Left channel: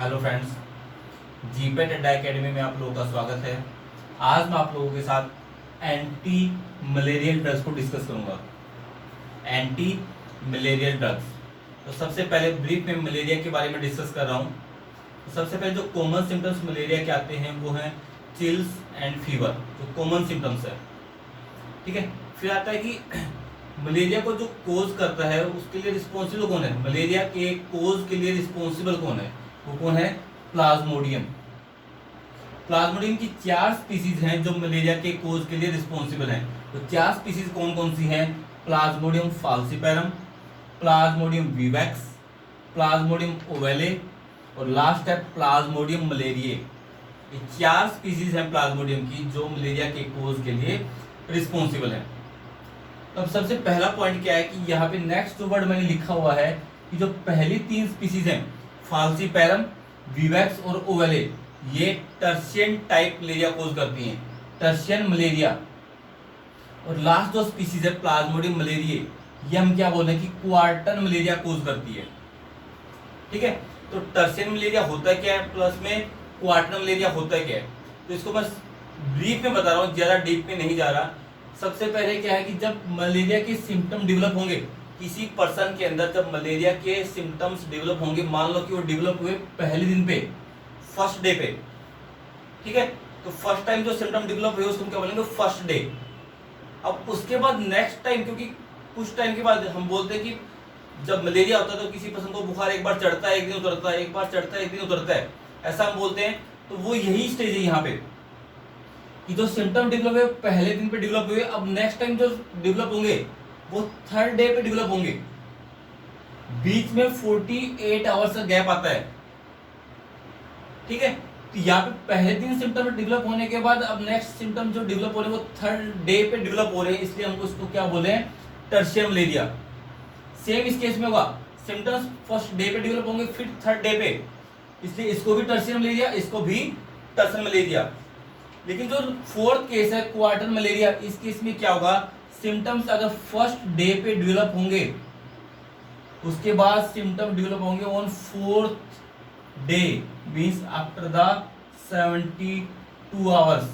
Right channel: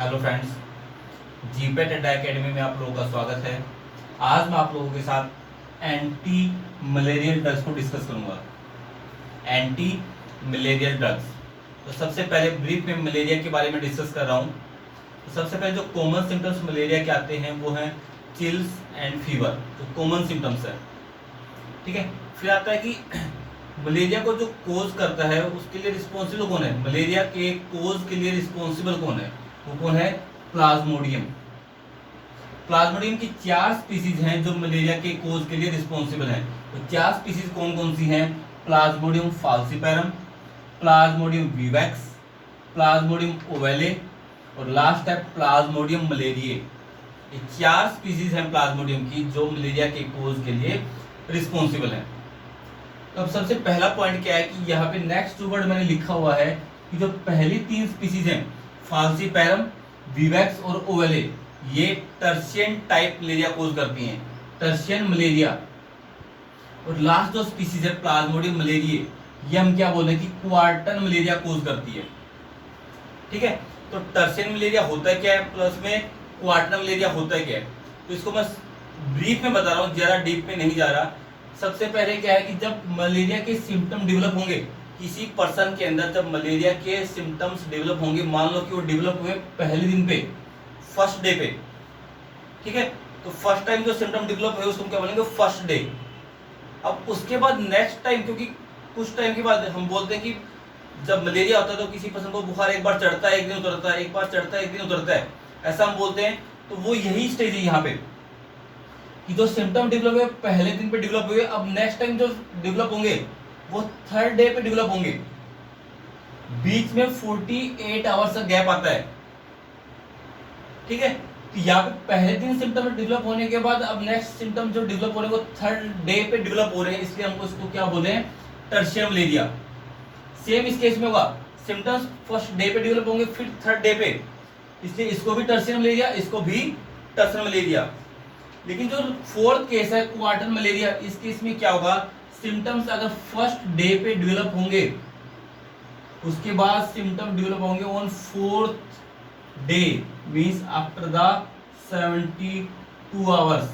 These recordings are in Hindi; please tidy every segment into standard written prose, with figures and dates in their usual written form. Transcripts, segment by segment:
हेलो फ्रेंड्स, जीपेट अड्डा एकेडमी में आप लोगों का स्वागत है। आज मैं आप लोगों के साथ एंटी मलेरियल ड्रग्स को डिस्कस करूंगा। Anti malarial drugs. तो सबसे पहले ब्रीफ में मलेरिया के बारे में डिस्कस कर रहा हूं। तो सबसे पहले जो कॉमन सिम्टम्स मलेरिया के आते हैं वो हैं चिल्स एंड फीवर, जो कॉमन सिम्टम्स है। ठीक है, फिर आता है कि मलेरिया को जो कोज करता है उसके लिए रिस्पॉन्सिबल कौन है। मलेरिया के कोज के लिए रिस्पॉन्सिबल कौन है? वो कौन है? प्लाज्मोडियम। प्लाज्मोडियम की 4 स्पीसीज हैं जो मलेरिया के कोज के लिए रिस्पॉन्सिबल हैं। तो 4 स्पीसीज कौन कौन सी हैं? Plasmodium falciparum, plasmodium vivax, plasmodium ovale और लास्ट है प्लाज्मोडियम मलेरिये। ये 4 स्पीसीज हैं प्लाज्मोडियम की जो मलेरिया के कोज के लिए रिस्पॉन्सिबल है। तो अब सबसे पहला पॉइंट क्या है कि यहाँ पे नेक्स्ट वर्ड मैंने लिखा हुआ है कि जो पहली 3 स्पीसीज हैं फाल्सिपेरम, विवैक्स और ओवेले, ये टर्शियन टाइप मलेरिया कोज करती हैं, टर्शियन मलेरिया। और लास्ट जो स्पीसीज है प्लाज्मोडियम मलेरिये, ये हम क्या बोले कि क्वार्टन मलेरिया कोज करती है। ठीक है, तो टर्शियन मलेरिया होता है क्या है, प्लस में क्वार्टन मलेरिया होता है क्या है। तो इसको मैं ब्रीफ में बता रहा हूँ, ज्यादा डीप में नहीं जा रहा। सबसे पहले क्या है कि जब मलेरिया के सिम्टम डेवलप होंगे किसी पर्सन के अंदर, जब मलेरिया के सिम्टम्स डेवलप होंगे, मान लो कि वो डेवलप हुए पहले दिन पे, फर्स्ट डे पे। ठीक है, तो फर्स्ट टाइम जो सिम्टम डेवलप हुए उसको क्या बोलेंगे? First day. अब उसके बाद नेक्स्ट टाइम, क्योंकि कुछ टाइम के बाद हम बोलते हैं कि जब मलेरिया होता है तो किसी पर्सन को बुखार एक बार चढ़ता है, एक दिन उतरता है, एक बार चढ़ता है, एक दिन उतरता है, ऐसा हम बोलते हैं। तो वो यही स्टेज है यहाँ पे कि जो सिम्टम डेवलप हुए पहले दिन पे डेवलप हुए, अब नेक्स्ट टाइम जो डेवलप होंगे वो थर्ड डे पे डेवलप होंगे। बीच में 48 आवर्स का गैप आता है। ठीक है, तो यहाँ पे पहले दिन सिम्टम डेवलप होने के बाद अब नेक्स्ट सिम्टम जो डेवलप हो रहे हैं वो थर्ड डे पे डेवलप हो रहे हैं, इसलिए हमको इसको क्या बोले हैं? Tertian malaria. सेम इस केस में होगा, सिम्टम्स फर्स्ट डे पे डेवलप होंगे फिर थर्ड डे पे, इसलिए इसको भी टर्शियन मलेरिया, इसको भी टर्शियन मलेरिया। लेकिन जो फोर्थ केस है क्वार्टन मलेरिया, इस केस में क्या होगा? सिम्टम्स अगर फर्स्ट डे पे डेवलप होंगे, उसके बाद सिम्टम डेवलप होंगे on fourth day, means after the 72 hours.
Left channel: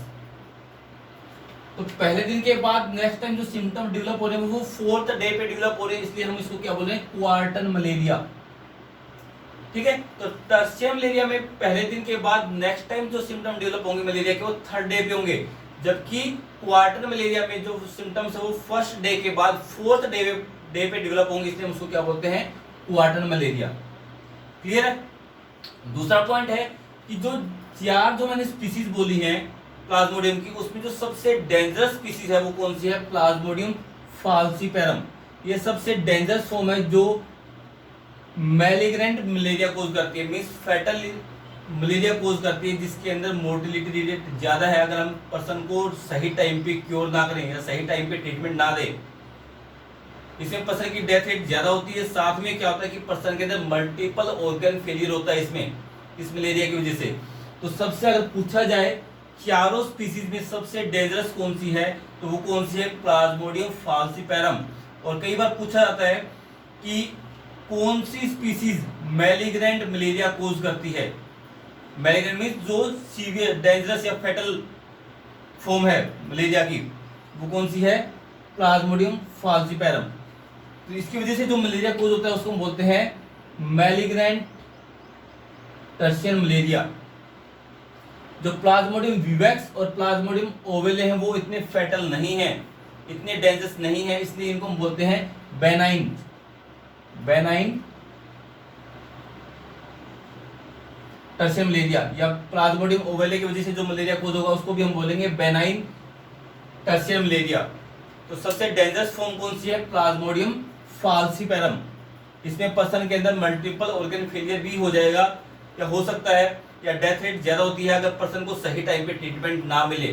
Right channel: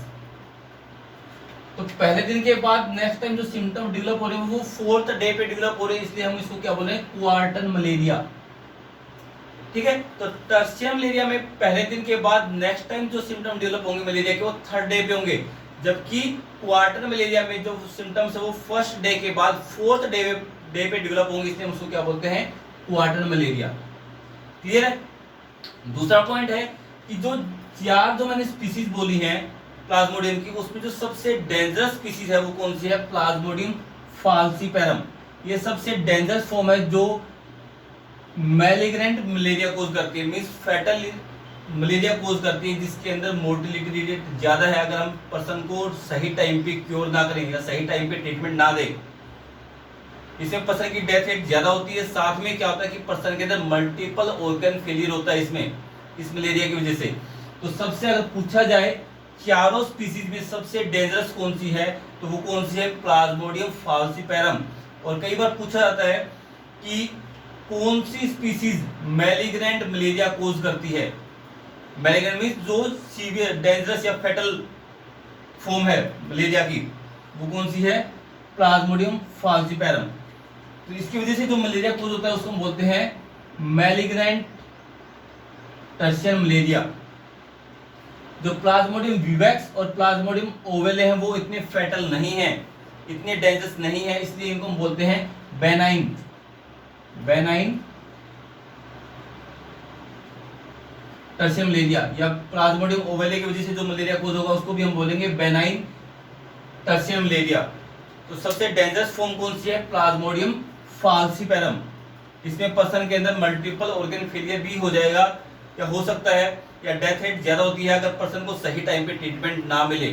तो पहले दिन के बाद नेक्स्ट टाइम जो सिम्टम डेवलप हो रहे हैं वो फोर्थ डे पे डेवलप हो रहे हैं, इसलिए हम इसको क्या बोले? क्वार्टन मलेरिया। ठीक है, तो टर्शियन मलेरिया में पहले दिन के बाद नेक्स्ट टाइम जो सिम्टम डेवलप होंगे मलेरिया के वो थर्ड डे पे होंगे, जबकि क्वार्टर मलेरिया में जो सिम्टम्स है वो फर्स्ट डे के बाद फोर्थ डे पे डेवलप होंगे, इसलिए हम उसको क्या बोलते हैं? Quarter malaria. क्लियर है? दूसरा पॉइंट है कि जो 4 जो मैंने स्पीसीज बोली हैं प्लाज्मोडियम की, उसमें जो सबसे डेंजरस स्पीसीज है वो कौन सी है? Plasmodium falciparum. ये सबसे डेंजरस फॉर्म है जो मैलिग्नेंट मलेरिया कोज करती है, मींस फैटल मलेरिया कोज करती है, जिसके अंदर मोर्टिलिटी रेट ज्यादा है अगर हम पर्सन को सही टाइम पे क्योर ना करें या सही टाइम पे ट्रीटमेंट ना दें। इसमें पर्सन की डेथ रेट ज्यादा होती है। साथ में क्या होता है कि पर्सन के अंदर मल्टीपल ऑर्गन फेलियर होता है इसमें, इस मलेरिया की वजह से। तो सबसे अगर पूछा जाए चारों स्पीसीज में सबसे डेंजरस कौन सी है, तो वो कौन सी है? Plasmodium falciparum. और कई बार पूछा जाता है कि कौन सी स्पीसीज मैलिग्नेंट मलेरिया कोज करती है। मैलिग्नेंट मींस जो सीवियर, डेंजरस या फेटल फॉर्म है मलेरिया की, वो कौन सी है? Plasmodium falciparum. तो इसकी वजह से जो मलेरिया कोज होता है उसको हम बोलते हैं मैलिग्नेंट टर्शियन मलेरिया। जो प्लाज्मोडियम विवैक्स और प्लाज्मोडियम ओवेले हैं वो इतने फेटल नहीं हैं, इतने डेंजरस नहीं है, इसलिए इनको हम बोलते हैं बेनाइन टर्शियन मलेरिया। या प्लाज्मोडियम ओवेले की वजह से जो मलेरिया कोज होगा उसको भी हम बोलेंगे बेनाइन टर्शियन मलेरिया। तो सबसे डेंजरस फॉर्म कौन सी है? Plasmodium falciparum. इसमें पर्सन के अंदर मल्टीपल ऑर्गन फेलियर भी हो जाएगा या हो सकता है, या डेथ रेट ज्यादा होती है अगर पर्सन को सही टाइम पे ट्रीटमेंट ना मिले।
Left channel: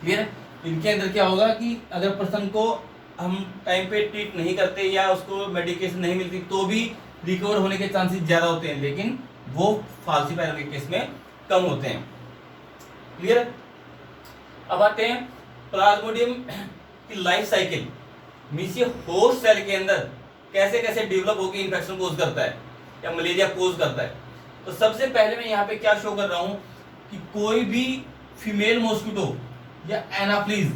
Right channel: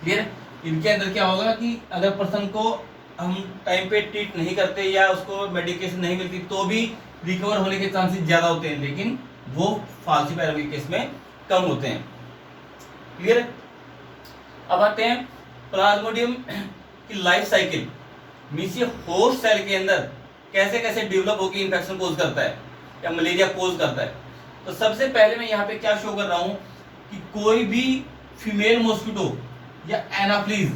क्लियर? इनके अंदर क्या होगा कि अगर पर्सन को हम टाइम पे ट्रीट नहीं करते या उसको मेडिकेशन नहीं मिलती तो भी रिकवर होने के चांसेस ज्यादा होते हैं, लेकिन वो फाल्सिपेरम के केस में कम होते हैं। क्लियर है? अब आते हैं प्लाज्मोडियम की लाइफ साइकिल, मींस ये होस्ट सेल के अंदर कैसे कैसे डेवलप होकर इन्फेक्शन कोज करता है या मलेरिया कोज करता है। तो सबसे पहले मैं यहाँ पे क्या शो कर रहा हूं कि कोई भी फीमेल मॉस्किटो या एनाफ्लीज,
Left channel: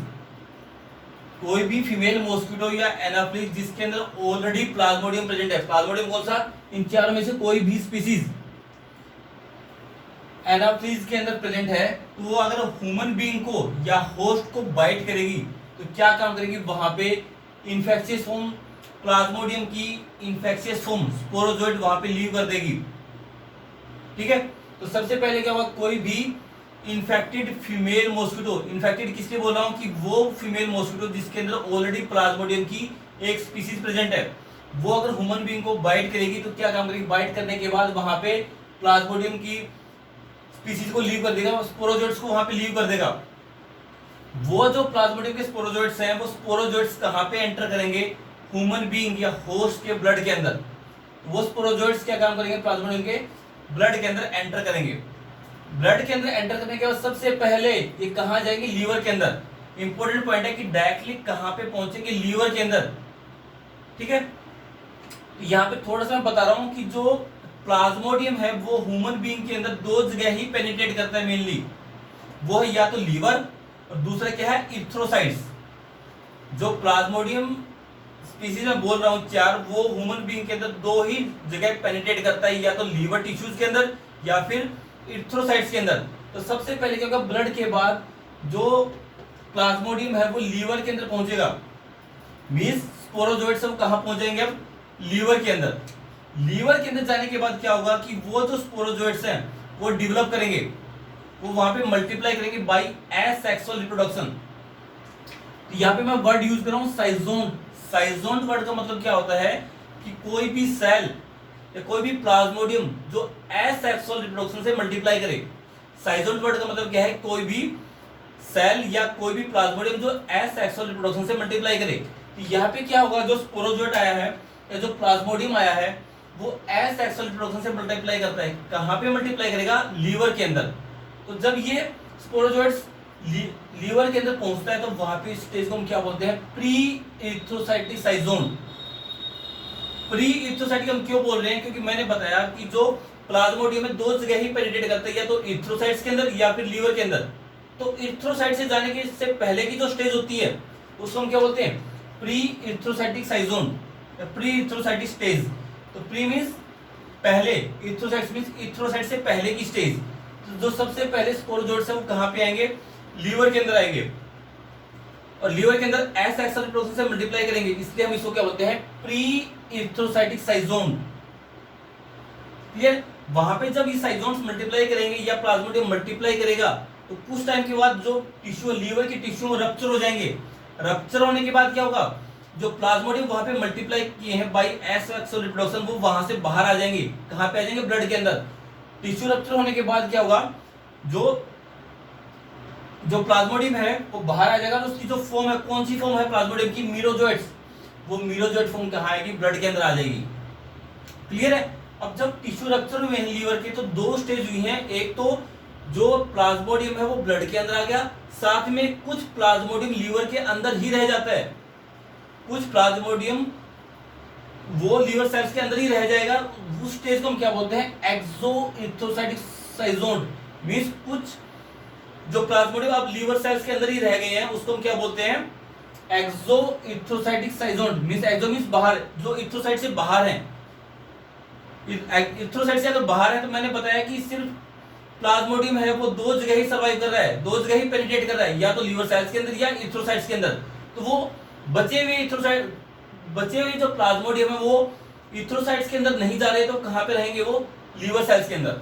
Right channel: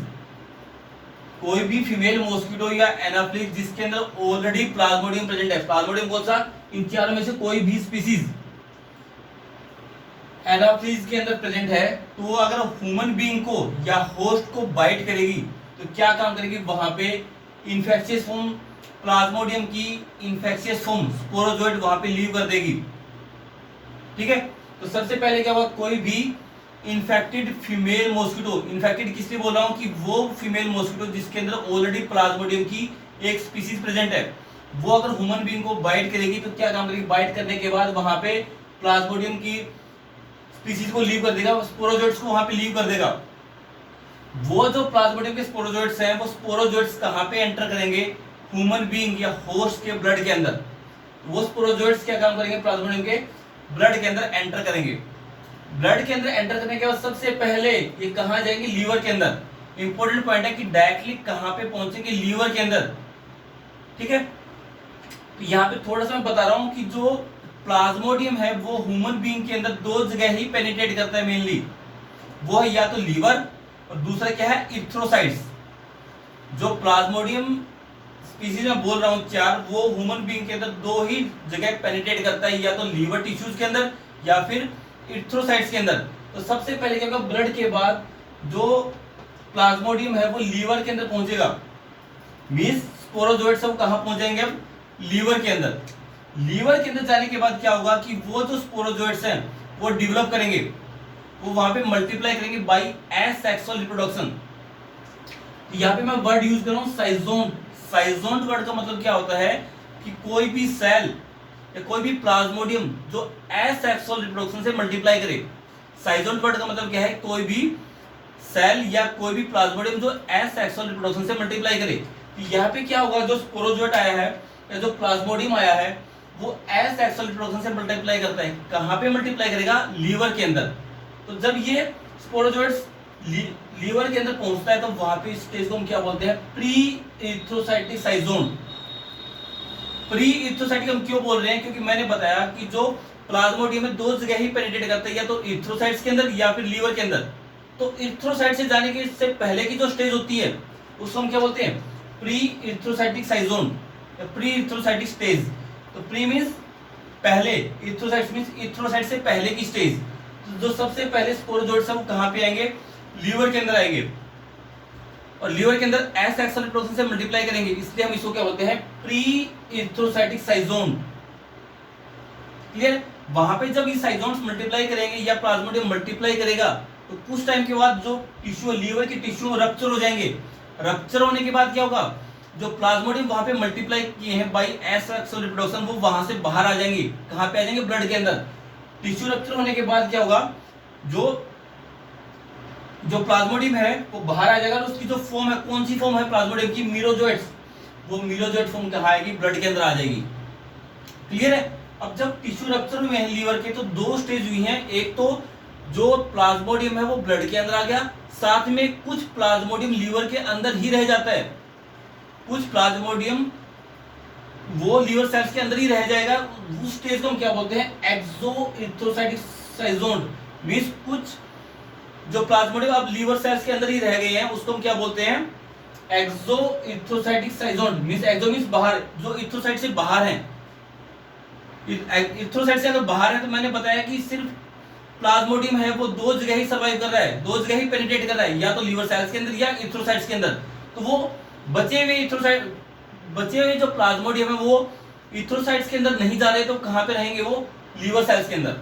कोई भी फीमेल मॉस्किटो या एनाफ्लीज जिसके अंदर ऑलरेडी प्लाज्मोडियम प्रेजेंट है, प्लाज्मोडियम कौन सा, इन चारों में से कोई भी स्पीसीज एनाफ्लीज के अंदर प्रेजेंट है, तो वो अगर ह्यूमन बीइंग को या होस्ट को बाइट करेगी तो क्या काम करेगी, वहां पे इन्फेक्शियस फॉर्म, प्लाज्मोडियम की इन्फेक्शियस फॉर्म स्पोरोजोइट वहां पे लीव कर देगी। ठीक है, तो सबसे पहले क्या हुआ, कोई भी इन्फेक्टेड फीमेल मॉस्किटो, इन्फेक्टेड किसलिए बोल रहा हूं कि वो फीमेल मॉस्किटो जिसके अंदर ऑलरेडी प्लाज्मोडियम की एक स्पीसीज प्रेजेंट है, वो अगर ह्यूमन बीइंग को बाइट करेगी तो क्या काम करेगी, बाइट करने के बाद वहां पे प्लाज्मोडियम की स्पीसीज को लीव कर देगा, स्पोरोजोइट्स को वहां पे लीव कर देगा। वो जो प्लाज्मोडियम के स्पोरोजोइट्स हैं, वो स्पोरोजोइट्स कहां पे एंटर करेंगे, ह्यूमन बीइंग या होस्ट के ब्लड के अंदर। वो स्पोरोजोइट्स क्या काम करेंगे, प्लाज्मोडियम के ब्लड के अंदर एंटर करेंगे। ब्लड के अंदर एंटर करने के बाद सबसे पहले ये कहां जाएंगे, लीवर के अंदर। इंपॉर्टेंट पॉइंट है कि डायरेक्टली कहां पे पहुंचेंगे, लीवर के अंदर। ठीक है, तो यहाँ पे थोड़ा सा मैं बता रहा हूं कि जो प्लाज्मोडियम है वो ह्यूमन बीइंग के अंदर दो जगह ही पेनिट्रेट करता है मेनली, वो है या तो लीवर और दूसरा क्या है, इरिथ्रोसाइट्स। जो प्लाज्मोडियम स्पीसीज में बोल रहा हूँ चार, वो ह्यूमन बीइंग के अंदर दो ही जगह पेनिट्रेट करता है, या तो लीवर टिश्यूज के अंदर या फिर इरिथ्रोसाइट्स के अंदर। तो सबसे पहले क्या होगा, ब्लड के बाद जो प्लाज्मोडियम है वो लीवर के अंदर पहुंचेगा, मींस स्पोरोजोइट्स सब कहां पहुंचेंगे, अब लीवर के अंदर। लीवर के अंदर जाने के बाद क्या होगा कि वो जो स्पोरोजोइट्स हैं वो डेवलप करेंगे, वो वहां पे मल्टीप्लाई करेंगे बाय एसेक्सुअल रिप्रोडक्शन। तो यहाँ पे मैं वर्ड यूज कर रहा हूँ साइजोन। साइजोन वर्ड का मतलब क्या होता है कि कोई भी सेल या कोई भी प्लाज्मोडियम जो एसेक्सुअल रिप्रोडक्शन से मल्टीप्लाई करे। साइजोन वर्ड का मतलब क्या है, कोई भी सेल या कोई भी प्लाज्मोडियम जो एसेक्सुअल रिप्रोडक्शन से मल्टीप्लाई करे। तो यहाँ पे क्या होगा, जो स्पोरोजोइट आया है या जो प्लाज्मोडियम आया है वो एसेक्सुअल रिप्रोडक्शन से मल्टीप्लाई करता है। कहां पे मल्टीप्लाई करेगा, लीवर के अंदर। तो जब ये स्पोरोजोइट्स लीवर के अंदर पहुंचता है तो वहां पे स्टेज को हम क्या बोलते हैं, प्री इरिथ्रोसाइटिक साइजोन। प्री इरिथ्रोसाइटिक हम क्यों बोल रहे हैं, क्योंकि मैंने बताया कि जो प्लाज्मोडियम में दो जगह ही पेनिट्रेट करता है, या तो इरिथ्रोसाइट्स के अंदर या फिर लीवर के अंदर। तो इरिथ्रोसाइट से जाने के से पहले की जो स्टेज होती है उसको हम क्या बोलते हैं, प्री इरिथ्रोसाइटिक साइजोन, प्री इरिथ्रोसाइटिक स्टेज। तो प्री मींस पहले, इरिथ्रोसाइट्स मींस इरिथ्रोसाइट से पहले की स्टेज। तो जो सबसे पहले स्पोरोजोइट्स सब कहां पे आएंगे, लीवर के अंदर आएंगे, और लीवर के अंदर एसेक्सुअल रिप्रोडक्शन से मल्टीप्लाई करेंगे, इसलिए हम इसको क्या बोलते हैं, प्री इरिथ्रोसाइटिक साइजोन। क्लियर, वहां पे जब ये साइजोन्स मल्टीप्लाई करेंगे या प्लाज्मोडियम मल्टीप्लाई करेगा तो कुछ टाइम के बाद जो टिश्यू, लीवर की टिश्यू रप्चर हो जाएंगे। रप्चर होने के बाद क्या होगा, जो प्लाज्मोडियम वहां पे मल्टीप्लाई किए हैं बाय एसेक्सुअल रिप्रोडक्शन, वो वहां से बाहर आ जाएंगे। कहां पे आ जाएंगे, ब्लड के अंदर। टिश्यू रप्चर होने के बाद क्या होगा, जो प्लाज्मोडियम है वो बाहर आ जाएगा, और उसकी जो फॉर्म है, कौन सी फॉर्म है प्लाज्मोडियम की, मीरोजोइट्स, वो मीरोजोइट फॉर्म कहां आएगी, ब्लड के अंदर आ जाएगी। क्लियर है। अब जब टिश्यू रप्चर हुए हैं लीवर के तो दो स्टेज हुई हैं, एक तो जो प्लाज्मोडियम है वो ब्लड के अंदर आ गया, साथ में कुछ प्लाज्मोडियम लीवर के अंदर ही रह जाता है, कुछ प्लाज्मोडियम वो लीवर सेल्स के अंदर ही रह जाएगा। उस स्टेज को हम क्या बोलते हैं, एक्सो इरिथ्रोसाइटिक साइजोन। मींस कुछ जो प्लाज्मोडियम अब लीवर सेल्स के अंदर ही रह गए हैं उसको हम क्या बोलते हैं, एक्सो इरिथ्रोसाइटिक साइजोन। मींस एक्सो मींस बाहर, जो इरिथ्रोसाइट से बाहर हैं। इरिथ्रोसाइट से अगर बाहर है तो मैंने बताया कि सिर्फ प्लाज्मोडियम है वो दो जगह ही सर्वाइव कर रहा है, दो जगह ही पेनिट्रेट कर रहा है, या तो लीवर सेल्स के अंदर या इरिथ्रोसाइट्स के अंदर। तो वो बचे हुए जो प्लाज्मोडियम है वो इरिथ्रोसाइट्स के अंदर नहीं जा रहे, तो कहां पे रहेंगे, वो लीवर सेल्स के अंदर।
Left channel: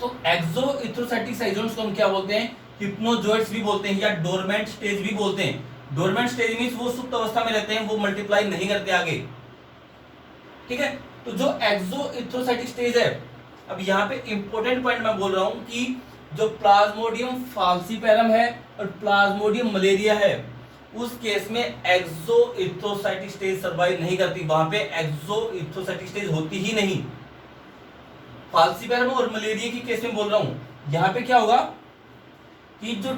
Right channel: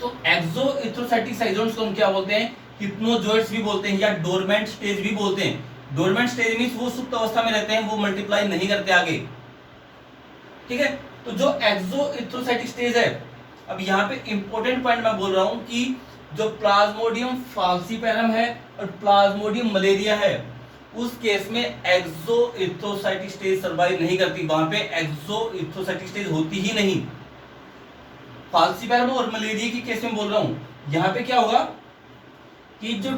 तो एक्सो इरिथ्रोसाइटिक साइजोन्स को हम क्या बोलते हैं, हिप्नोजोइट्स भी बोलते हैं या डोरमेंट स्टेज भी बोलते हैं। डोरमेंट स्टेज मींस वो सुप्त अवस्था में रहते हैं, वो मल्टीप्लाई नहीं करते आगे। ठीक है, तो जो एक्सो इरिथ्रोसाइटिक स्टेज है, अब यहाँ पे इंपॉर्टेंट पॉइंट मैं बोल रहा हूं कि जो प्लाज्मोडियम फाल्सीपैरम है और प्लाज्मोडियम मलेरिया है, उस केस में एक्सो इरिथ्रोसाइटिक स्टेज सर्वाइव नहीं करती, वहां पे एक्सो इरिथ्रोसाइटिक स्टेज होती ही नहीं। फाल्सीपैरम और मलेरिया की केस में बोल रहा हूं, यहाँ पे क्या होगा कि जो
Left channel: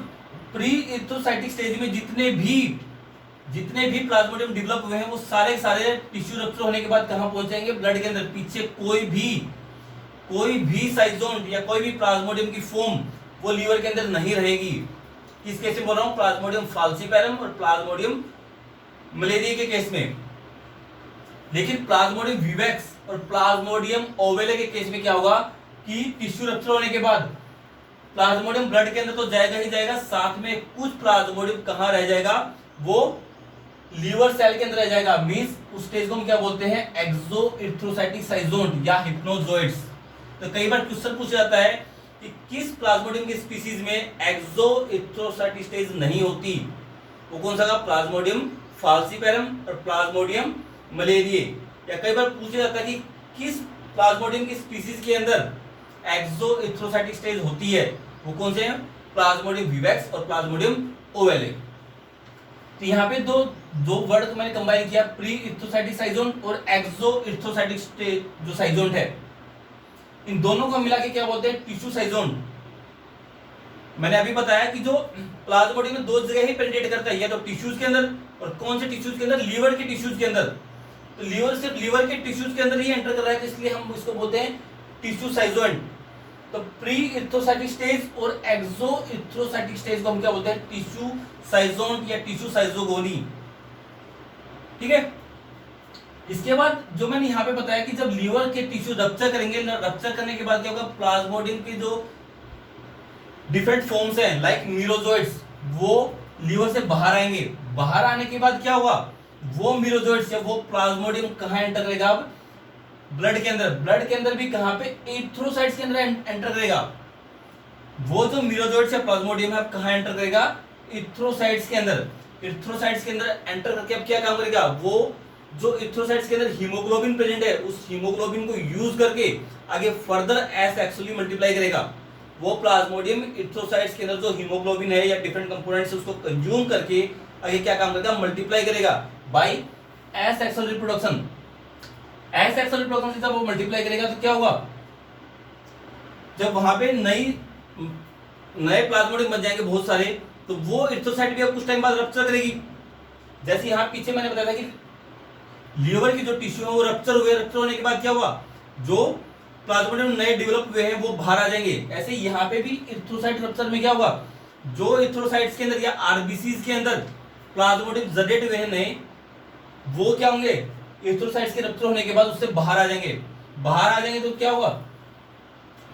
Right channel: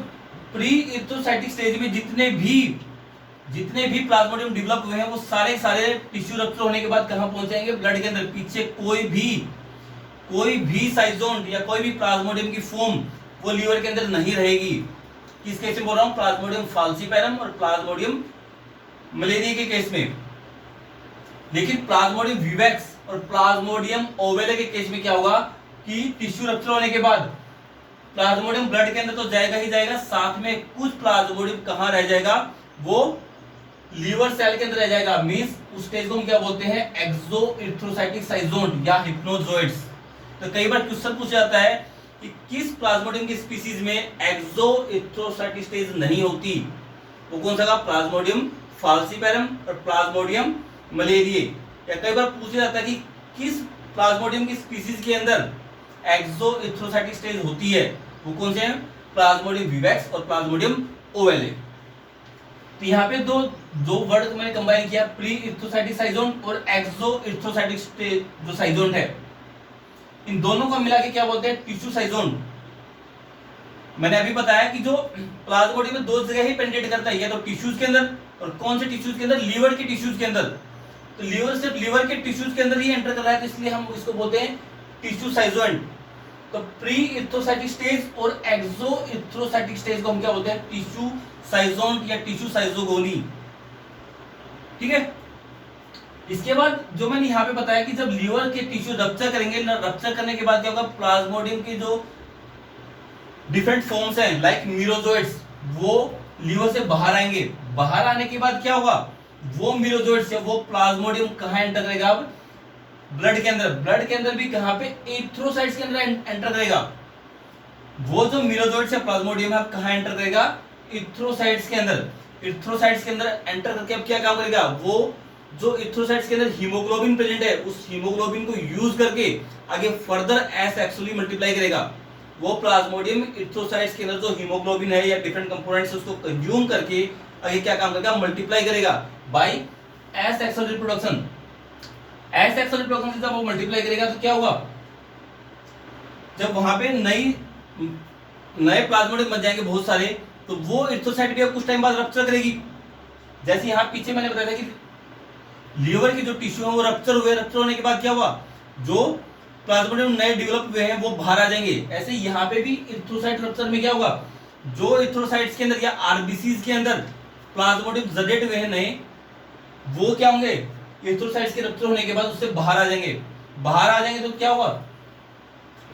प्री इरिथ्रोसाइटिक स्टेज में जितने भी प्लाज्मोडियम डेवलप हुए हैं वो सारे टिश्यू रप्चर होने के बाद कहां पहुंच जाएंगे, ब्लड के अंदर। पीछे कोई भी साइजोन या कोई भी प्लाज्मोडियम की फॉर्म वो लीवर के अंदर नहीं रहेगी। किस केस में बोल रहा हूं? प्लाज्मोडियम फाल्सीपैरम और प्लाज्मोडियम मलेरिया के केस में। लेकिन प्लाज्मोडियम विवैक्स और प्लाज्मोडियम ओवेले के केस में क्या होगा कि टिश्यू रप्चर होने के बाद प्लाज्मोडियम ब्लड के अंदर तो जाएगा ही जाएगा, साथ में कुछ प्लाज्मोडियम कहां रह जाएगा? वो लीवर सेल के अंदर रह जाएगा। मींस उस स्टेज को हम क्या बोलते हैं? एक्सोइथ्रोसाइटिक साइजोन या हिप्नोजोइड्स। तो कई बार क्वेश्चन पूछा जाता है कि किस प्लाज्मोडियम की स्पीसीज में एक्सोइथ्रोसाइटिक स्टेज नहीं होती? वो कौन सा? प्लाज्मोडियम फाल्सीपैरम और प्लाज्मोडियम मलेरिया। या कई बार पूछा जाता है कि किस प्लाज्मोडियम की स्पीसीज के अंदर एक्सोइथ्रोसाइटिक स्टेज होती है? वो कौन से हैं? प्लाज्मोडियम विवैक्स और प्लाज्मोडियम ओवेले। तो यहाँ पे दो वर्ड मैंने कंबाइन किया, प्री इथ्रोसाइटिक साइजोन और एक्सोइथ्रोसाइटिक स्टेज जो साइजोन है, इन दोनों को मिला के क्या बोलते हैं? टिश्यू साइजोन। मैंने अभी बताया कि जो प्लाज्मोडियम में दो जगह ही पेनिट्रेट करता है, या तो टिश्यूज के अंदर, और कौन से टिश्यूज के अंदर? लीवर के टिश्यूज के अंदर। तो लीवर सिर्फ लीवर के टिश्यूज के अंदर ही एंटर कर रहा है, तो इसलिए हम इसको बोलते हैं टिश्यू साइजोन। तो प्री इथ्रोसाइटिक स्टेज और एक्सोइथ्रोसाइटिक स्टेज को हम क्या बोलते हैं? टिश्यू साइजोन या टिश्यू साइजोगोनी। ठीक है। इसके बाद जो मैंने यहाँ पे बताया कि जब लीवर के टिश्यू रप्चर करेंगे ना, रप्चर करने के बाद क्या होगा? प्लाज्मोडियम के जो डिफरेंट फॉर्म्स हैं लाइक मीरोजोइड्स, वो लीवर से बाहर आएंगे। बाहर आने के बाद क्या होगा? वो मीरोजोइड्स या वो प्लाज्मोडियम कहाँ एंटर करेगा? अब ब्लड के अंदर। ब्लड के अंदर भी कहाँ पे? एरिथ्रोसाइट्स के अंदर एंटर करेगा। वो जो मीरोजोइड्स या प्लाज्मोडियम है कहाँ एंटर करेगा? एरिथ्रोसाइट्स के अंदर। एरिथ्रोसाइट्स के अंदर एंटर करके अब क्या काम करेगा? वो जो एरिथ्रोसाइट्स के अंदर हीमोग्लोबिन प्रेजेंट है, उस हीमोग्लोबिन को यूज करके आगे फर्दर एसेक्सुअली मल्टीप्लाई करेगा। वो प्लाज्मोडियम एरिथ्रोसाइट्स के अंदर जो हीमोग्लोबिन है या डिफरेंट कंपोनेंट्स उसको कंज्यूम करके आगे क्या काम करेगा? मल्टीप्लाई करेगा by asexual reproduction. Asexual reproduction से जब वो मल्टीप्लाई करेगा तो क्या होगा? जब वहां पे नए प्लाज्मोडियम बन जाएंगे बहुत सारे, तो वो एरिथ्रोसाइट भी अब कुछ टाइम बाद रप्चर करेगी। जैसे यहाँ पीछे मैंने बताया था कि लीवर के जो टिश्यू है वो रप्चर हुए, रप्चर होने के बाद क्या हुआ? जो प्लाज्मोडियम नए डेवलप हुए हैं वो बाहर आ जाएंगे। ऐसे यहाँ पे भी एरिथ्रोसाइट रप्चर में क्या होगा? जो एरिथ्रोसाइट्स के अंदर या आरबीसीज के अंदर प्लाज्मोडियम जनरेट हुए हैं नए, वो क्या होंगे? एरिथ्रोसाइट्स के रप्चर होने के बाद उससे बाहर आ जाएंगे। बाहर आ जाएंगे तो क्या होगा?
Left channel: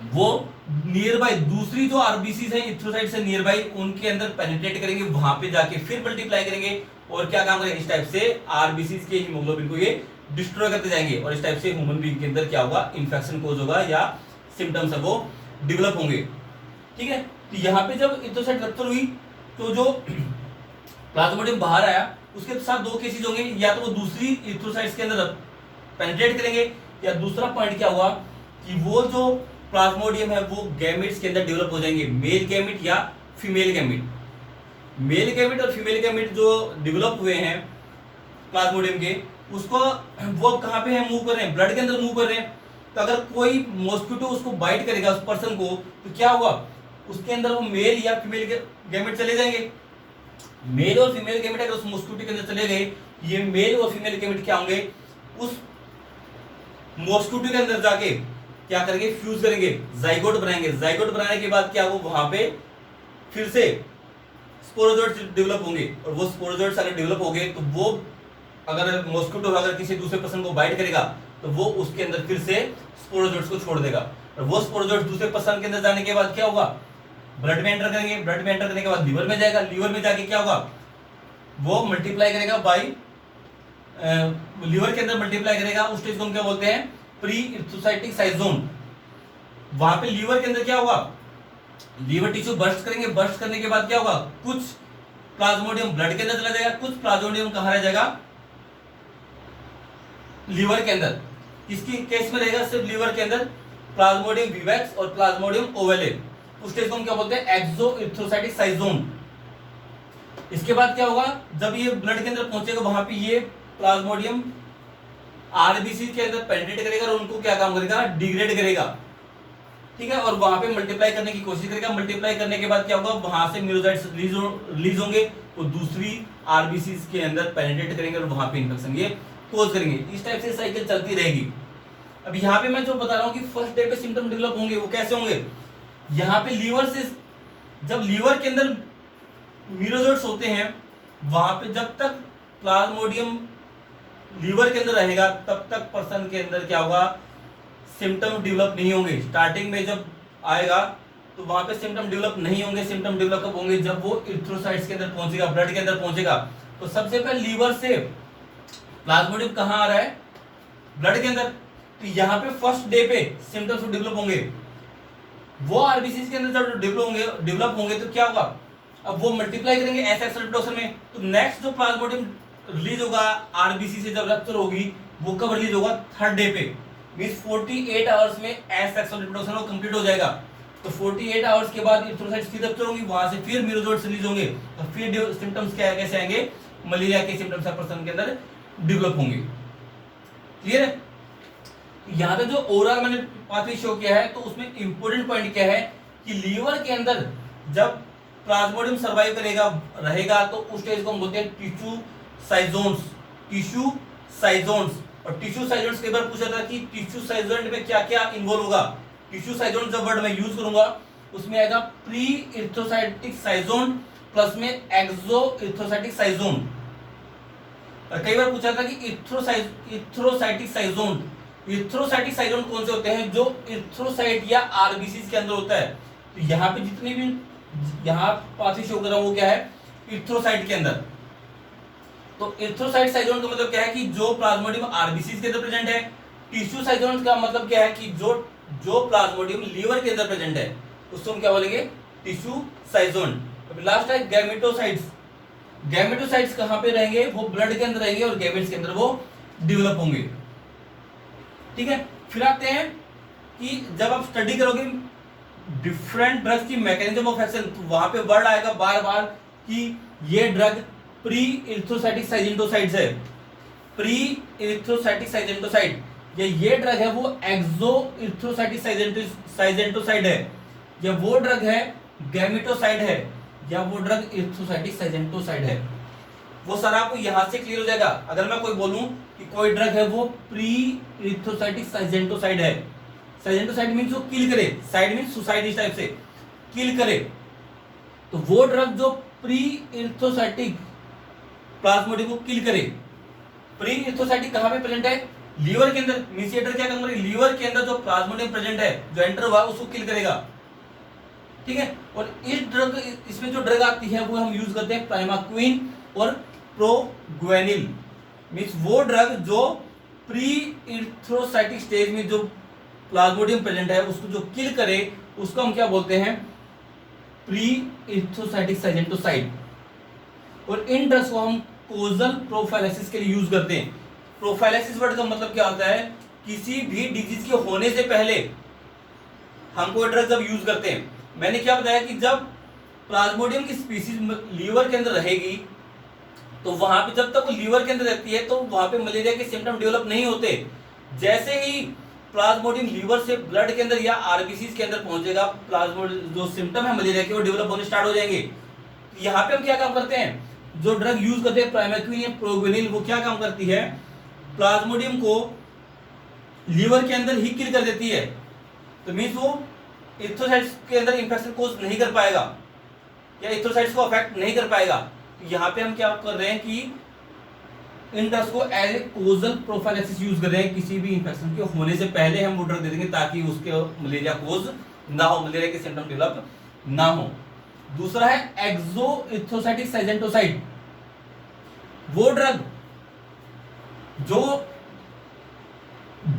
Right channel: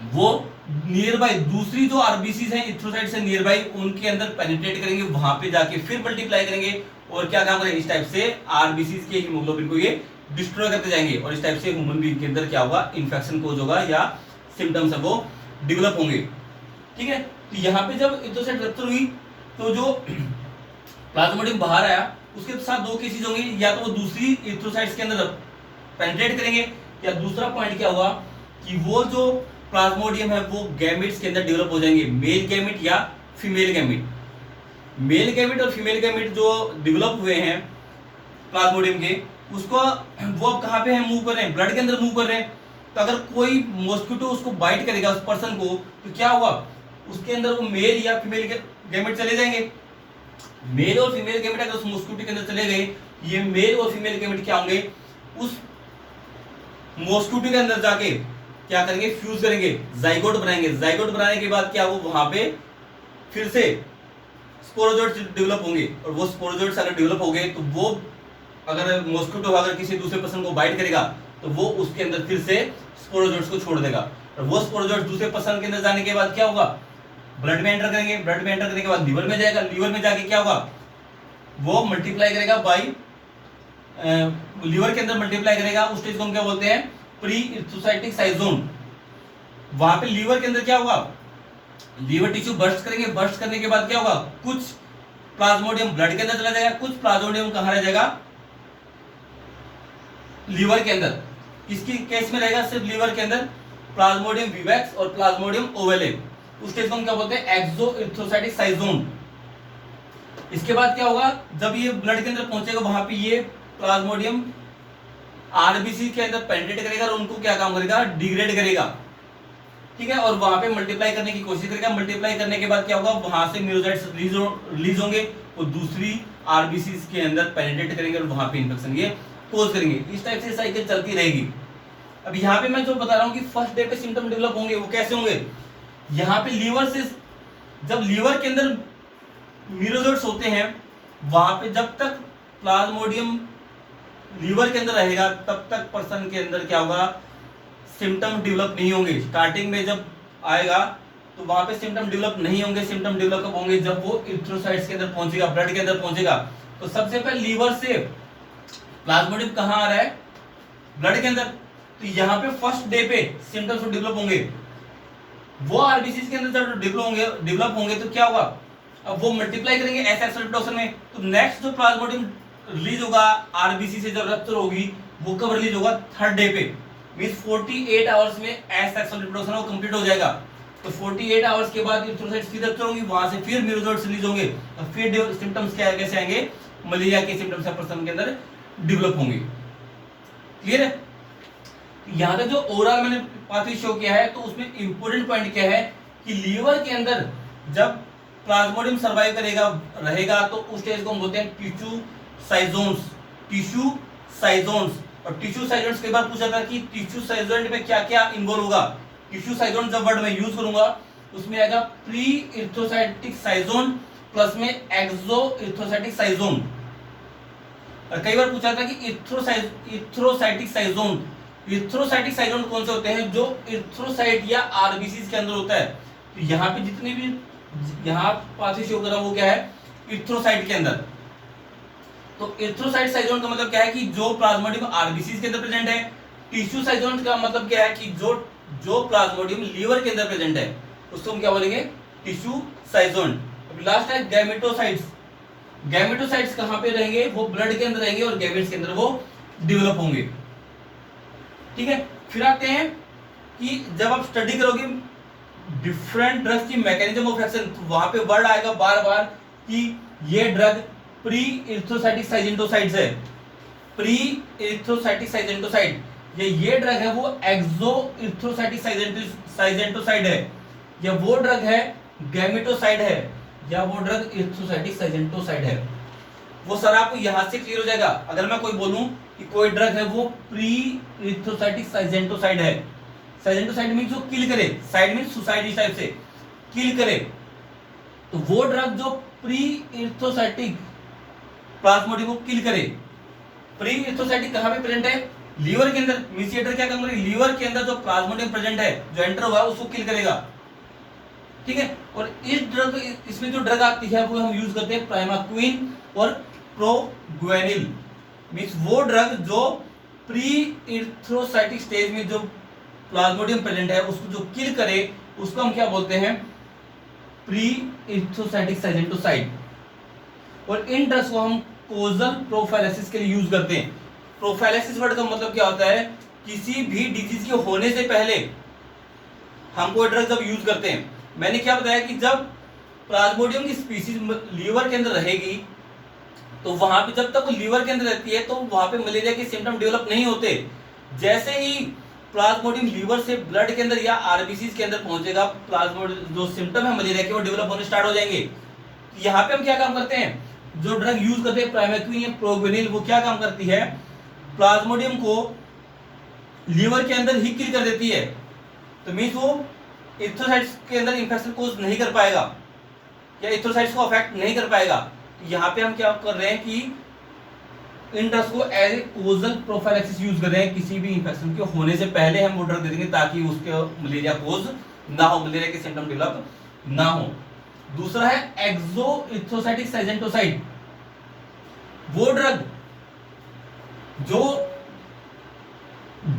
वो नियर बाय दूसरी जो आरबीसीज हैं एरिथ्रोसाइट से नियर बाय, उनके अंदर पेनिट्रेट करेंगे, वहां पे जाके फिर मल्टीप्लाई करेंगे और क्या काम करेंगे? इस टाइप से आरबीसीज के हीमोग्लोबिन को ये डिस्ट्रॉय करते जाएंगे और इस टाइप से ह्यूमन बीइंग के अंदर क्या होगा? इन्फेक्शन कोज होगा या सिम्टम्स है वो डेवलप होंगे। ठीक है। तो यहाँ पे जब एरिथ्रोसाइट रप्चर हुई तो जो प्लाज्मोडियम बाहर आया उसके साथ दो केसेस होंगे, या तो वो दूसरी एरिथ्रोसाइट्स के अंदर पेनिट्रेट करेंगे, या दूसरा पॉइंट क्या हुआ कि वो जो प्लाज्मोडियम है वो गैमेट्स के अंदर डेवलप हो जाएंगे, मेल गैमेट या फीमेल गैमेट। मेल गैमेट और फीमेल गैमेट जो डेवलप हुए हैं प्लाज्मोडियम के, उसको वो कहाँ पे है? मूव कर रहे हैं, ब्लड के अंदर मूव कर रहे हैं। तो अगर कोई मॉस्किटो उसको बाइट करेगा उस पर्सन को, तो क्या होगा? उसके अंदर वो मेल या फीमेल गैमेट चले जाएंगे। मेल और फीमेल गैमेट अगर उस मॉस्किटो के अंदर चले गए, ये मेल और फीमेल गैमेट क्या होंगे? उस मॉस्किटो के अंदर जाके क्या करेंगे? फ्यूज करेंगे, जाइगोट बनाएंगे। जाइगोट बनाने के बाद क्या वो वहां पे फिर से स्पोरोजोइट्स डेवलप होंगे, और वो स्पोरोजोइट्स अगर डेवलप हो गए तो वो अगर मॉस्किटो अगर किसी दूसरे पर्सन को बाइट करेगा तो वो उसके अंदर फिर से स्पोरोजोइट्स को छोड़ देगा, और वो स्पोरोजोइट्स दूसरे पर्सन के अंदर जाने के बाद क्या होगा? ब्लड में एंटर करेंगे। ब्लड में एंटर करने के बाद लीवर में जाएगा। लीवर में जाके क्या होगा? वो मल्टीप्लाई करेगा बाय लीवर के अंदर मल्टीप्लाई करेगा। उस स्टेज को हम क्या बोलते हैं? प्री इथ्रोसाइटिक साइजोन। वहां पे लीवर के अंदर क्या होगा? लीवर टिश्यू बर्स्ट करेंगे। बर्स्ट करने के बाद क्या होगा? कुछ प्लाज्मोडियम ब्लड के अंदर चला जाएगा, कुछ प्लाज्मोडियम कहां रह जाएगा? लीवर के अंदर। किसकी केस में रहेगा? सिर्फ लीवर के अंदर प्लाज्मोडियम विवैक्स और प्लाज्मोडियम ओवेले। उस स्टेज को हम क्या बोलते हैं? एक्सोइथ्रोसाइटिक साइजोन। इसके बाद क्या होगा? जब ये ब्लड के अंदर पहुंचेगा वहां पे ये प्लाज्मोडियम आरबीसी के अंदर पेनिट्रेट करेगा और उनको क्या काम करेगा? डिग्रेड करेगा। ठीक है। और वहां पे मल्टीप्लाई करने की कोशिश करेगा। मल्टीप्लाई करने के बाद क्या होगा? वहां से मीरोसाइट्स रिलीज होंगे, तो दूसरी आरबीसी के अंदर पेनिट्रेट करेंगे और वहां पे इन्फेक्शन ये कोज करेंगे। इस टाइप से साइकिल चलती रहेगी। अब यहाँ पे मैं जो बता रहा हूँ कि फर्स्ट डे पे सिम्टम डेवलप होंगे, वो कैसे होंगे? यहाँ पे लीवर से, जब लीवर के अंदर मीरोजोइट्स होते हैं, वहां पे जब तक प्लाज्मोडियम लीवर के अंदर रहेगा तब तक पर्सन के अंदर क्या होगा, सिम्टम डेवलप नहीं होंगे। स्टार्टिंग में जब आएगा तो वहां पे सिम्टम डेवलप नहीं होंगे। सिम्टम डेवलप कब होंगे? जब वो इरिथ्रोसाइट्स के अंदर पहुंचेगा, ब्लड के अंदर पहुंचेगा। तो सबसे पहले लीवर से प्लाज्मोडियम कहाँ आ रहा है? ब्लड के अंदर। तो यहाँ पे फर्स्ट डे पे सिम्टम्स डेवलप होंगे। वो आरबीसी के अंदर जब डेवलप होंगे तो क्या होगा? अब वो मल्टीप्लाई करेंगे एस एक्सेलरेटर में। तो नेक्स्ट जो प्लाज्मोडियम रिलीज होगा आरबीसी से जब रप्चर होगी, वो कब रिलीज होगा? थर्ड डे पे। मींस 48 आवर्स में एस एक्सेलरेटर वो कंप्लीट हो जाएगा। तो 48 आवर्स के बाद इरिथ्रोसाइट्स फिर रप्चर होंगी, वहां से फिर मीरोजोइट्स रिलीज होंगे और फिर सिम्टम्स क्या कैसे आएंगे? मलेरिया के सिम्टम्स पर्सन के अंदर डेवलप होंगे। क्लियर है? यहाँ तक जो ओवरऑल मैंने पाथवे शो किया है, तो उसमें इंपॉर्टेंट पॉइंट क्या है कि लीवर के अंदर जब प्लाज्मोडियम सर्वाइव करेगा रहेगा तो उस स्टेज को हम बोलते हैं टिश्यू साइजोन्स। टिश्यू साइजोन्स। और टिश्यू साइजोन्स कई बार पूछा था कि टिश्यू साइजोन में क्या क्या इन्वॉल्व होगा। टिश्यू साइजोन जब वर्ड में यूज करूंगा उसमें आएगा प्री इरिथ्रोसाइटिक साइजोन प्लस में एक्सो इरिथ्रोसाइटिक साइजोन। और कई बार पूछा था कि इरिथ्रोसाइटिक साइजोन। इरिथ्रोसाइटिक साइजोन कौन से होते हैं? जो इरिथ्रोसाइट या आरबीसी के अंदर होता है। तो यहाँ पे जितनी भी यहाँ पाथवे शो कर रहा हूं वो क्या है? इरिथ्रोसाइट के अंदर। तो इरिथ्रोसाइट साइजोन का मतलब क्या है कि जो प्लाज्मोडियम आरबीसी के अंदर प्रेजेंट है। टिश्यू साइजोन का मतलब क्या है कि जो प्लाज्मोडियम लीवर के अंदर प्रेजेंट है उसको हम क्या बोलेंगे? टिश्यू साइजोन। अभी लास्ट है गैमेटोसाइट्स। गैमेटोसाइट्स कहां पे रहेंगे? वो ब्लड के अंदर रहेंगे और गैमेट्स के अंदर वो डेवलप होंगे। ठीक है, फिर आते हैं कि जब आप स्टडी करोगे डिफरेंट ड्रग्स की मैकेनिज्म ऑफ एक्शन, तो वहां पे वर्ड आएगा बार बार कि ये ड्रग प्री इरिथ्रोसाइटिक साइजेंटोसाइड्स है। प्री इरिथ्रोसाइटिक साइजेंटोसाइड ये ड्रग है वो एक्सो इरिथ्रोसाइटिक साइजेंटोसाइड है, या वो ड्रग है गैमेटोसाइड है, या वो ड्रग इरिथ्रोसाइटिक साइजेंटोसाइड है। वो सर आपको यहां से क्लियर हो जाएगा। अगर मैं कोई बोलूं कि कोई ड्रग है वो प्री इरिथ्रोसाइटिक साइजेंटोसाइड है। साइजेंटोसाइड मींस जो किल करे, साइड मींस सुसाइड, इस टाइप से किल करे। तो वो ड्रग जो प्री इरिथ्रोसाइटिक प्लाज्मोडियम को किल करे। प्री इरिथ्रोसाइटिक कहां पे प्रेजेंट है? लीवर के अंदर। मींस ये ड्रग क्या काम करेगी? लीवर के अंदर जो प्लाज्मोडियम प्रेजेंट है, जो एंटर हुआ उसको किल करेगा। ठीक है, और इसमें जो ड्रग आती है वो हम यूज करते हैं प्राइमाक्विन और प्रोग्वेनिल। मींस वो ड्रग जो प्री इरिथ्रोसाइटिक स्टेज में जो प्लाज्मोडियम प्रेजेंट है उसको जो किल करे उसको हम क्या बोलते हैं? Pre erythrocytic schizonticide. और इन ड्रग्स को हम कोजल प्रोफाइलेसिस के लिए यूज करते हैं। प्रोफाइलेसिस वर्ड का मतलब क्या होता है? किसी भी डिजीज के होने से पहले हम कोई ड्रग जब यूज करते हैं, मैंने क्या बताया कि जब प्लाज्मोडियम की स्पीसीज लीवर के अंदर रहेगी तो वहां पे जब तक वो लीवर के अंदर रहती है तो वहां पे मलेरिया के सिम्टम डेवलप नहीं होते। जैसे ही प्लाज्मोडियम लीवर से ब्लड के अंदर या आरबीसी के अंदर पहुंचेगा, प्लाज्मोडियम जो सिम्टम है मलेरिया के वो डेवलप होने स्टार्ट हो जाएंगे। यहाँ पे हम क्या काम करते हैं? जो ड्रग यूज करते हैं प्राइमाक्विन या प्रोग्वेनिल, वो क्या काम करती है? प्लाज्मोडियम को लीवर के अंदर ही किल कर देती है। तो मींस वो इरिथ्रोसाइट्स के अंदर इंफेक्शन कोज नहीं कर पाएगा या इरिथ्रोसाइट्स को अफेक्ट नहीं कर पाएगा। तो यहाँ पे हम क्या कर रहे हैं कि इन ड्रग्स को as a causal prophylaxis use कर रहे हैं। किसी भी इंफेक्शन के होने से पहले हम वो ड्रग दे देंगे ताकि उसके मलेरिया कोज ना हो, मलेरिया के सिम्टम डेवलप ना हो। दूसरा है एक्सो इरिथ्रोसाइटिक साइजेंटोसाइड। वो ड्रग जो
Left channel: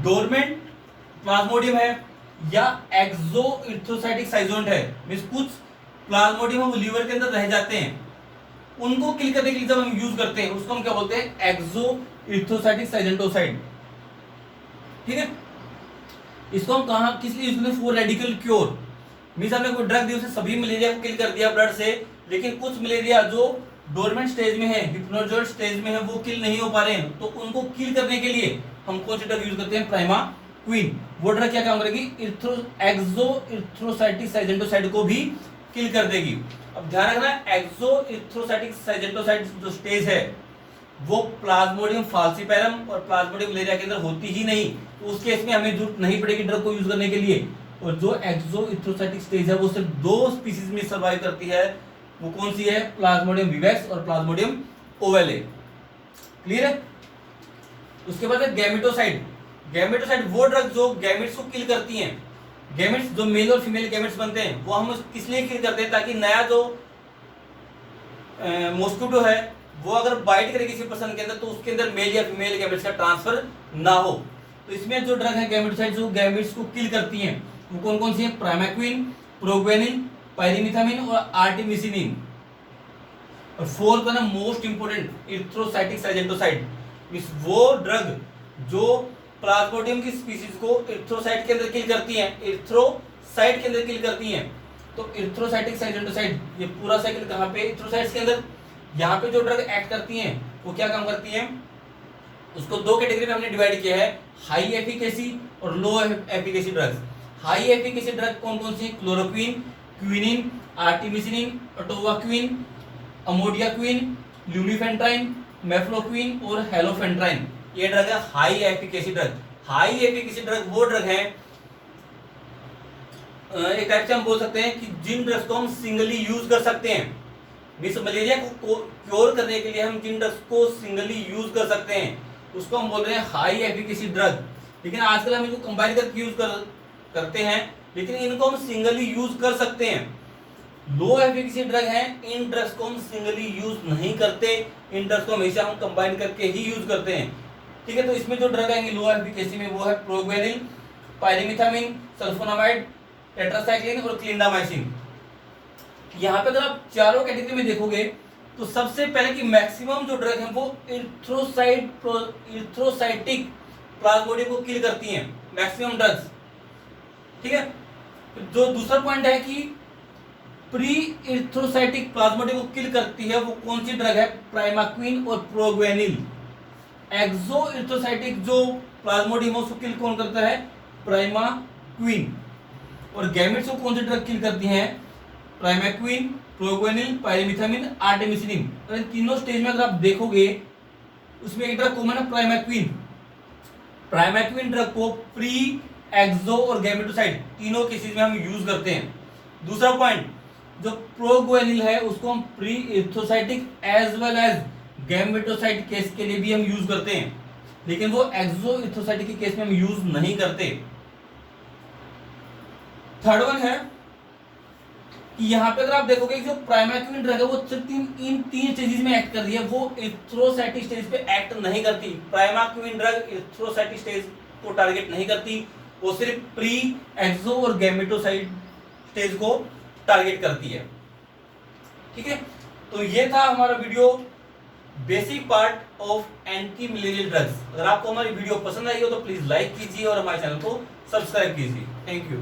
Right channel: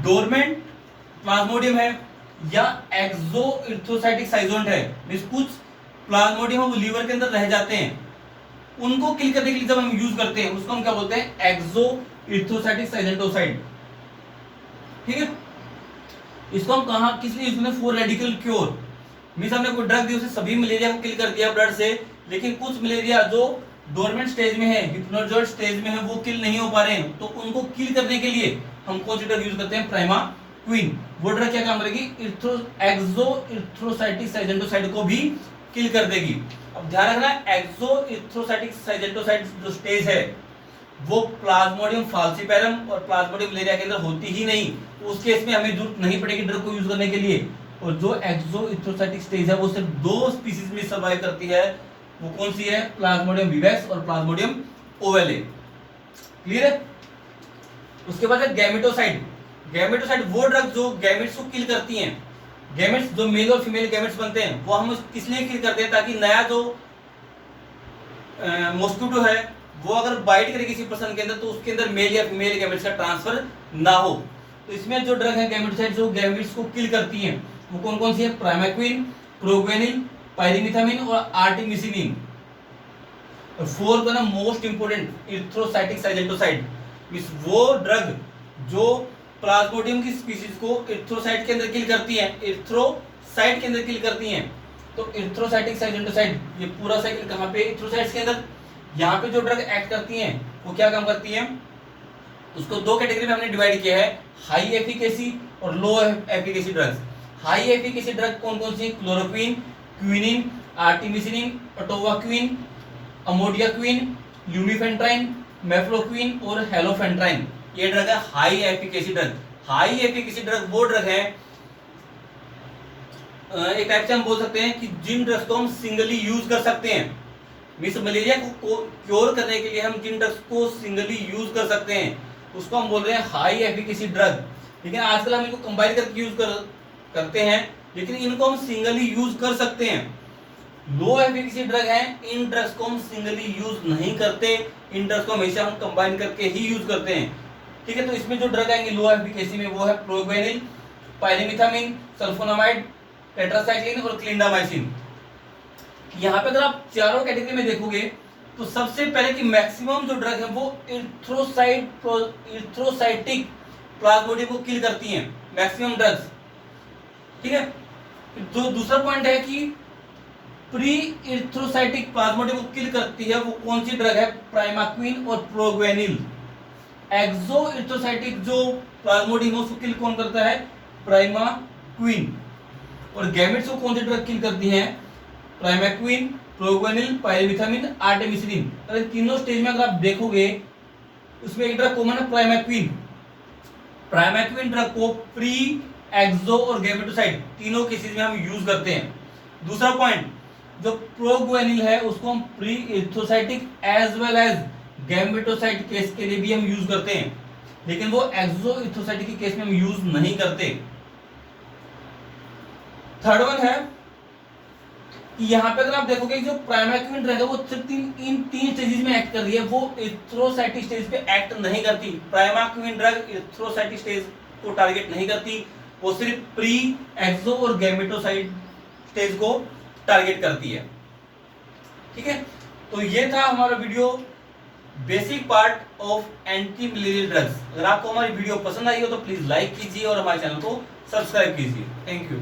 डोरमेंट प्लाज्मोडियम है या एक्सो इरिथ्रोसाइटिक साइजोन्ट है, मींस कुछ प्लाज्मोडियम हम लीवर के अंदर रह जाते हैं, उनको किल करने के लिए जब हम यूज करते हैं उसको हम क्या बोलते हैं? एक्सो इरिथ्रोसाइटिक साइजेंटोसाइड। ठीक है, इसको हम कहां किस लिए यूज करते हैं? For radical cure. मींस हमने कोई ड्रग दी, उसे सभी मलेरिया को किल कर दिया ब्लड से, लेकिन कुछ मलेरिया जो डोरमेंट स्टेज में है, हिप्नोजोइड स्टेज में है, वो किल नहीं हो पा रहे हैं। तो उनको किल करने के लिए हम कौन सी ड्रग यूज करते हैं? प्राइमाक्विन। वो ड्रग क्या काम करेगी? एक्सो इरिथ्रोसाइटिक साइजेंटोसाइड को भी किल कर देगी। अब ध्यान रखना, एक्सो इरिथ्रोसाइटिक साइजेंटोसाइड जो स्टेज है वो प्लाज्मोडियम फाल्सिपेरम और प्लाज्मोडियम मलेरिया के अंदर होती ही नहीं, तो उस केस में हमें जरूरत नहीं पड़ेगी ड्रग को यूज करने के लिए। और जो एक्सोइथ्रोसाइटिक स्टेज है वो सिर्फ 2 स्पीसीज में सर्वाइव करती है, वो कौन सी है? प्लाज्मोडियम विवेक्स और प्लाज्मोडियम ओवेले। क्लियर है? उसके बाद है गैमेटोसाइड। गैमेटोसाइड वो ड्रग जो गैमेट्स को किल करती हैं। गैमेट्स जो मेल और फीमेल गैमेट्स बनते हैं वो हम किस लिए किल करते हैं? ताकि नया जो मॉस्किटो है वो अगर बाइट करे किसी पर्सन के अंदर तो उसके अंदर मेल या फीमेल गैमेट्स का ट्रांसफर ना हो। तो इसमें जो ड्रग है गैमेटोसाइड जो गैमेट्स को किल करती हैं वो कौन कौन सी है? प्राइमाक्विन, प्रोग्वेनिन, पायरिमिथामिन और आर्टिमिसिनिन। और फोर्थ वन है मोस्ट इंपोर्टेंट इरिथ्रोसाइटिक साइजेंटोसाइड, मींस वो ड्रग जो प्लाज्मोडियम की स्पीसीज को इरिथ्रोसाइट के अंदर किल करती हैं, इरिथ्रोसाइट के अंदर किल करती हैं। तो इरिथ्रोसाइटिक साइजेंटोसाइड ये पूरा साइकिल कहाँ पे? इरिथ्रोसाइट्स के अंदर। यहाँ पे जो ड्रग एक्ट करती हैं वो क्या काम करती हैं? उसको 2 कैटेगरी में हमने डिवाइड किया है, हाई एफिकेसी और low efficacy drugs. High efficacy drug कौन कौन सी? Chloroquine, quinine, artemisinin, atovaquone, amodiaquine, lumefantrine, mefloquine और हेलोफेंट्राइन। ये ड्रग है high efficacy drug. High efficacy drug वो ड्रग है, एक टाइप से हम बोल सकते हैं कि जिन ड्रग्स को हम सिंगली यूज कर सकते हैं। मींस मलेरिया को क्योर करने के लिए हम जिन ड्रग्स को सिंगली यूज कर सकते हैं उसको हम बोल रहे हैं हाई एफिकेसी ड्रग। लेकिन आजकल हम इनको कंबाइन करके यूज करते हैं, लेकिन इनको हम सिंगली यूज कर सकते हैं। लो एफिकेसी ड्रग है, इन ड्रग्स को हम सिंगली यूज नहीं करते, इन ड्रग्स को हमेशा हम कंबाइन करके ही यूज करते हैं। ठीक है, तो इसमें जो ड्रग आएंगे लो एफिकेसी में वो है प्रोग्वेनिल, पायरिमिथामिन, सल्फोनामाइड, टेट्रासाइक्लिन और क्लिंडामाइसिन। यहाँ पे अगर आप चारों कैटेगरी में देखोगे तो सबसे पहले कि मैक्सिमम जो ड्रग है वो इरिथ्रोसाइटिक प्लाज्मोडियम को किल करती हैं, मैक्सिमम ड्रग्स। ठीक है, जो दूसरा पॉइंट है कि प्री इरिथ्रोसाइटिक प्लाज्मोडियम को किल करती है वो कौन सी ड्रग है? प्राइमाक्विन और प्रोग्वेनिल। एक्सो इरिथ्रोसाइटिक जो प्लाज्मोडियम है उसको किल कौन करता है? प्राइमाक्विन। और गैमेट्स को कौन सी ड्रग किल करती है? Primaquine, proguanil, pyrimethamine, artemisinin. अगर तीनों स्टेज में अगर आप देखोगे उसमें एक ड्रग कॉमन है प्राइमाक्विन। प्राइमाक्विन ड्रग को प्री, एक्सो और गैमेटोसाइड तीनों केसेस में हम यूज करते हैं। दूसरा पॉइंट, जो प्रोग्वेनिल है उसको हम pre erythrocytic as well as gametocide case के लिए भी हम यूज करते हैं, लेकिन वो एक्सो इरिथ्रोसाइटिक के केस में हम यूज नहीं करते। थर्ड वन है कि यहाँ पे अगर आप देखोगे जो प्राइमाक्विन ड्रग है वो सिर्फ इन 3 स्टेजेस में एक्ट कर रही है, वो इरिथ्रोसाइटिक स्टेज पे एक्ट नहीं करती। प्राइमाक्विन ड्रग इरिथ्रोसाइटिक स्टेज को टारगेट नहीं करती, वो सिर्फ प्री, एक्सो और गैमेटोसाइड स्टेज को टारगेट करती है। ठीक है, तो ये था हमारा video basic part of anti malarial drugs. अगर आपको हमारी वीडियो पसंद आई हो तो प्लीज लाइक कीजिए और हमारे चैनल को सब्सक्राइब कीजिए। Thank you.